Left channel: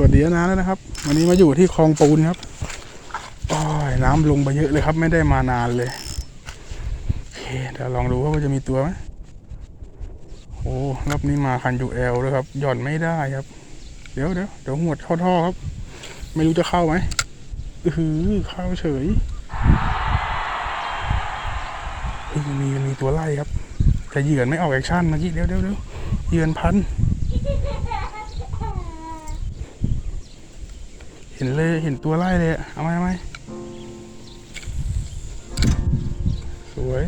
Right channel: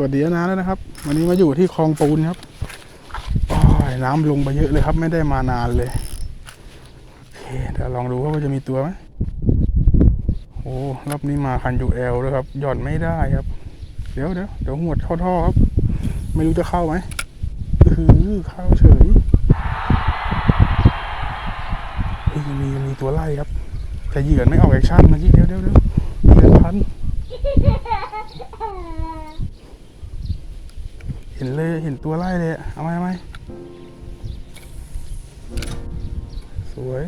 ก็สวัสดีนะแล้วนะครับ วันนี้มาอยู่ที่คลองปูนครับโอ้ยน้ำลงไปเยอะเลยครับ ไม่ได้มานานเลยโอเคเดี๋ยวลองดูว่าจะมีตัวไหมโอ้รอบนี้มาคันยูเอลด้วยครับ หย่อนไม่ได้ครับ เดี๋ยวเดี๋ยวเดี๋ยวหวดท่อครับ ไม่รู้จะเข้าไหมอืออเข้าเฉยเฮ้ยมีมีตัวไล่ครับแต่เหยื่อไม่ออกแอคชั่นเมื่อกี้เดี๋ยวเดี๋ยวเดี๋ยวเหยื่อพัน เห็นเลยเห็นตัวไล่เลยเอาไหมเอาไหมสวย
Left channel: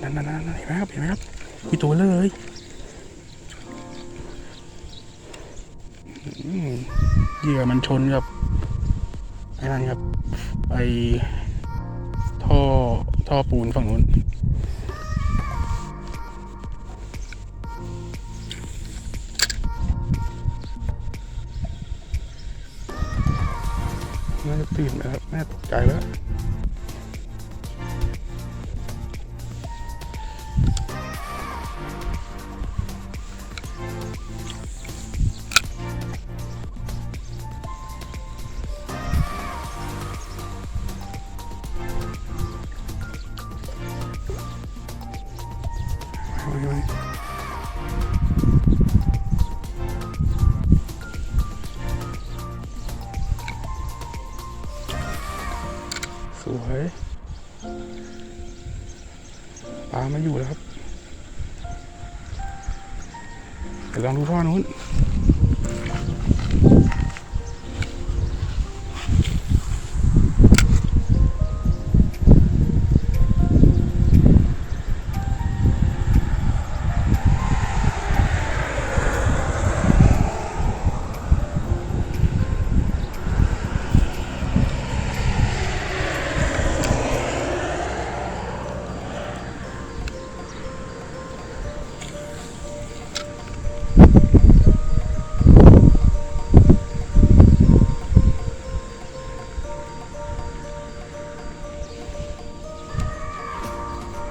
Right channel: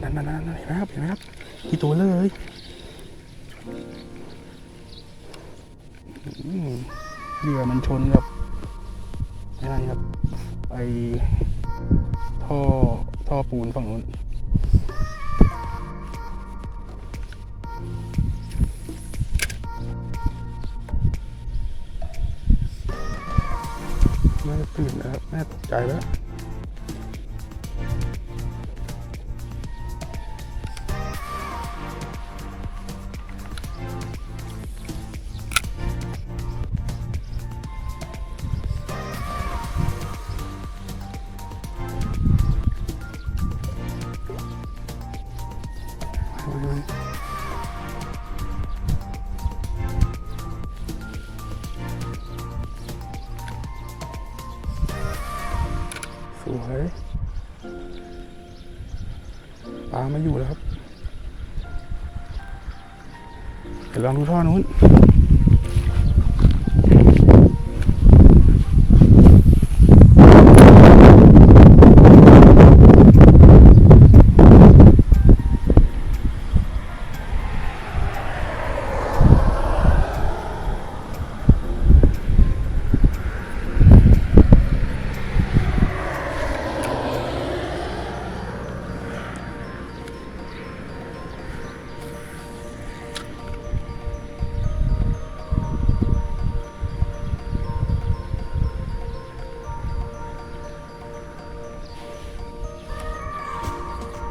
นั่นนั่นนั่นเห็นไหมครับเห็นไหมครับกี่ตัวเลยเหยื่อมันชนกับไอ้นั่นครับไอท่อท่อปูนฝั่งนู้น น่าจะตื่นนะครับ น่าตกใจแล้ว สวยปลามาอยู่แล้วครับเดี๋ยวลองดูท่อนู้น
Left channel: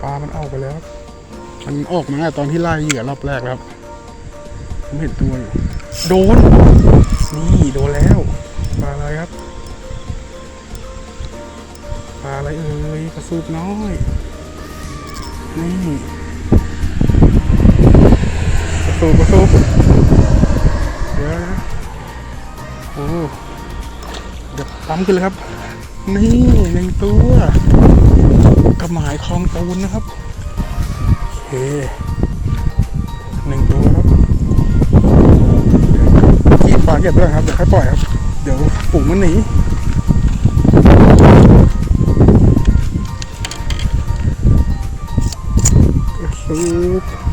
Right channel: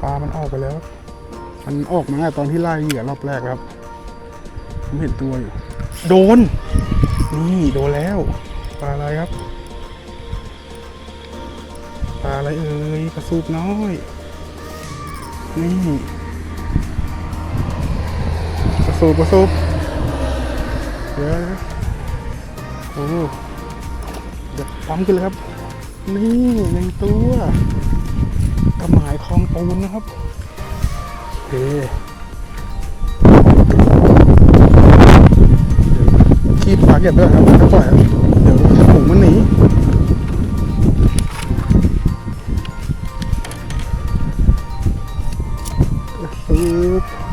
ลามันออกไปแล้ว มันออกมาตอนที่ไล่เหยื่อรอบแรกครับ ผมเห็นตัวอยู่ โดน นี่โดนแล้ว ปลาอะไรครับ ปลาอะไรเอ่ยกระสูบน้อย นี่กระสูบกระสูบเดี๋ยวนะโอ้เดี๋ยวปั๊มขึ้นเลยครับ นี่หนึ่งตัว กระหมายคลองปูนนะครับโอเฮ้ยขี้ปลาเก็บด้วยครับค่อยปล่อยครับ เดี๋ยวถุงมันหนีซึบ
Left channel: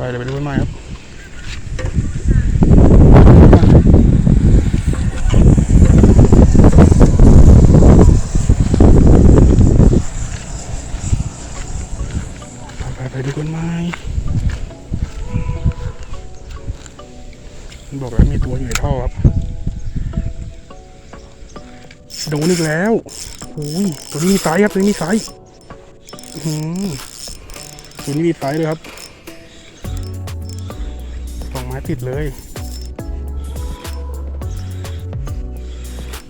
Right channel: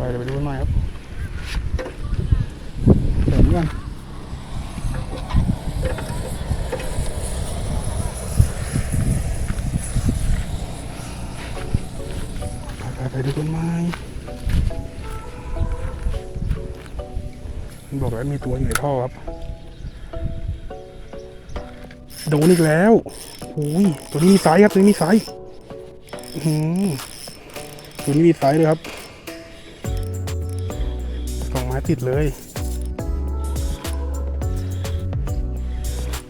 ไปเดี๋ยวไปดูต้นไม้ครับไปไปไปดูต้นไม้มันบอกแล้วมีตัวอยู่ในท่อครับโดนอีกแล้วโอ้ยตัวนี้มีไซส์ครับ ตัวนี้มีไซส์อื้อหือตัวนี้มีไซส์เลยครับ ไม้ติดเลย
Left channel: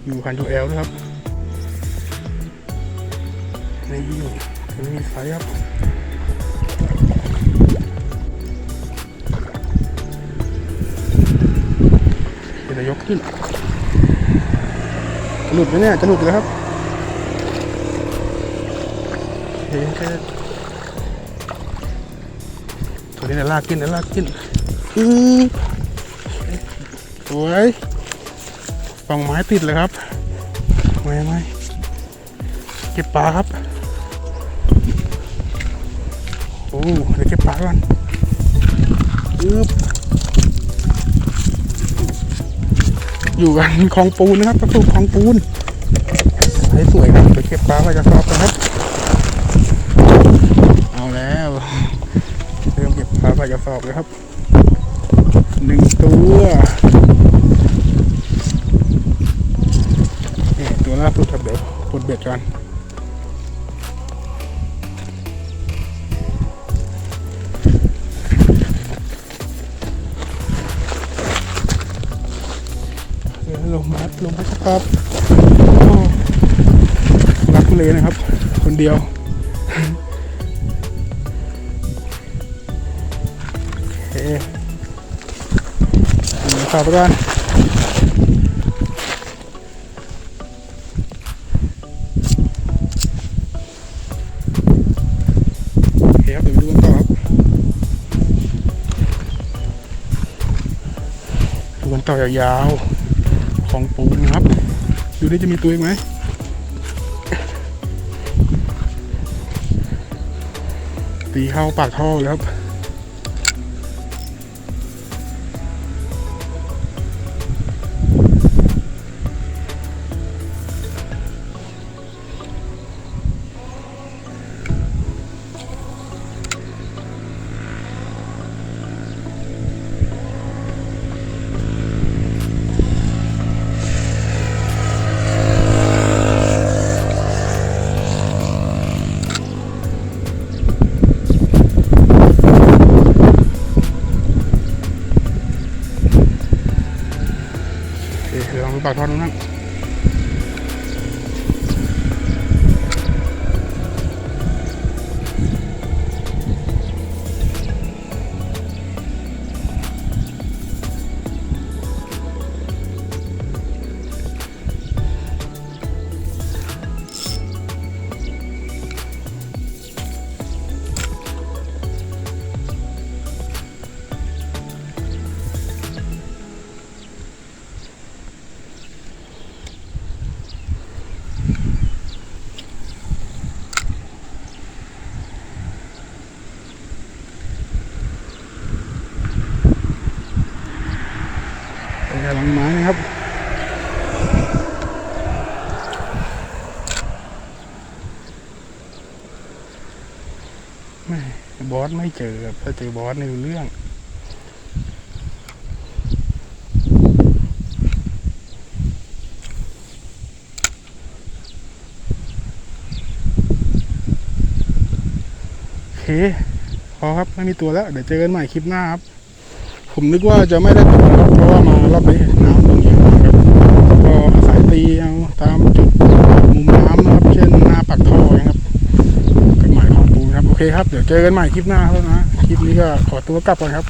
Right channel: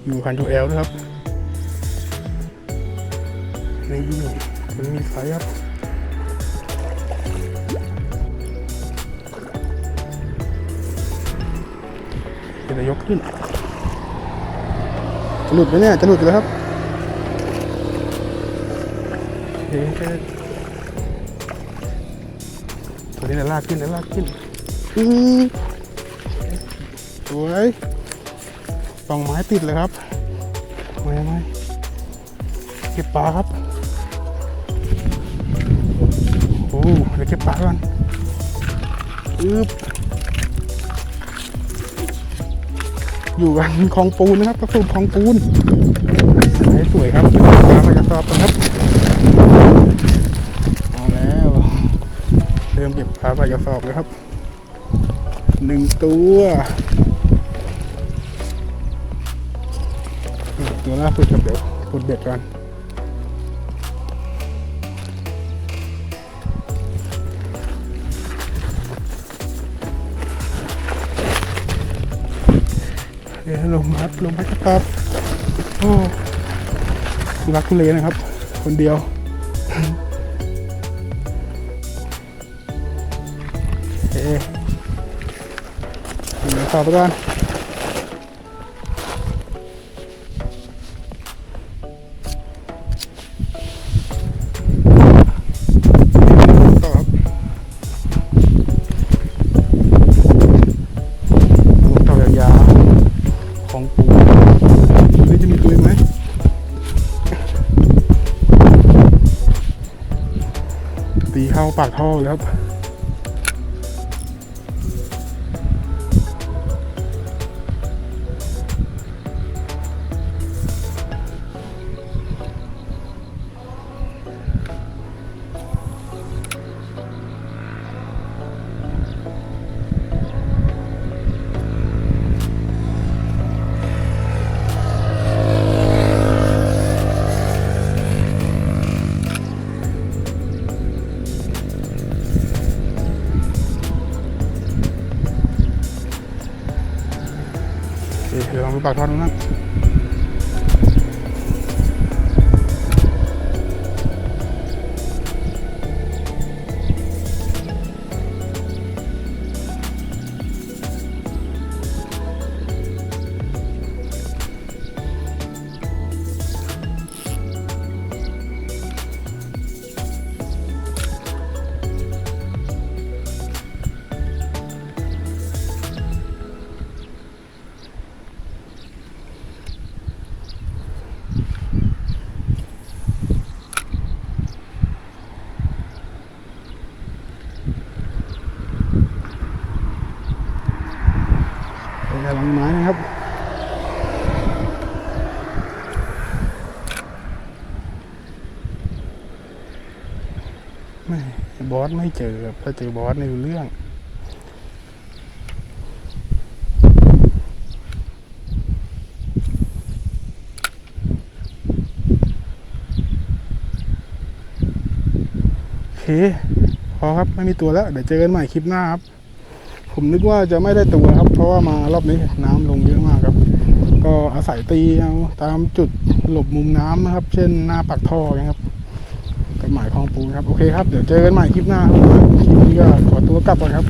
อยู่คันทูแอลด้วยครับในี่ตันี้มีไซส์ครับเดี๋ยกขึ้นจะหลุดไหมเนี่ยจะหลุดแล้วครับเฮ้ยตัวนี้เดี๋ยลากขึ้นเดี๋ยลากขึ้น สวยปองไม้ติดเลยครับไม่ไม่เก็บปลาครับ โอ้เดี๋ยวเก็บปลาก่อนอึ๊บอยู่กันคลองปูนนะครับกระสุนคลองปูนให้สวยครับปลาไปกระสอบกันครับ เอาแล้ว เริ่มเก็บปลาไปกระสอบเลยครับ หนึ่งตัวตัวล่าสุดครับเดี๋ยวปลดเบ็ดกันเดี๋ยวลมพัดลมพัดครับโอ้รักทุเลนะครับ คนเดียวโอเค เขับไปก่อนต่อครับลงเตายาวๆของปูครับดูนี่จะมีตัวไหมตีเข้าปากท่อแล้วครับ ดี๋ยวลองดูปากท่อดูนั่นเป็น กำลังไม้นะครับไม่บอสไม่เจอครับถ้าเจอบอสในเรื่องโอเคพอครับไม่มีตัวแล้ว เดี๋ยวเจอกันใหม่คลิปหน้าครับ ผมนึกว่าจะไม่ได้ตัวครับ เพราะว่ามารอบนี้น้ำลงเยอะมากครับก็อาศัยตีเอาตามจุดมุมน้ำนะครับ เช่นหน้าปากท่อนะครับกับหมายคลองปูครับโอเคครับเดี๋ยวเจอกันใหม่คลิปหน้าครับนะคลิปนี้ก็ขอตัวกลับก่อนครับ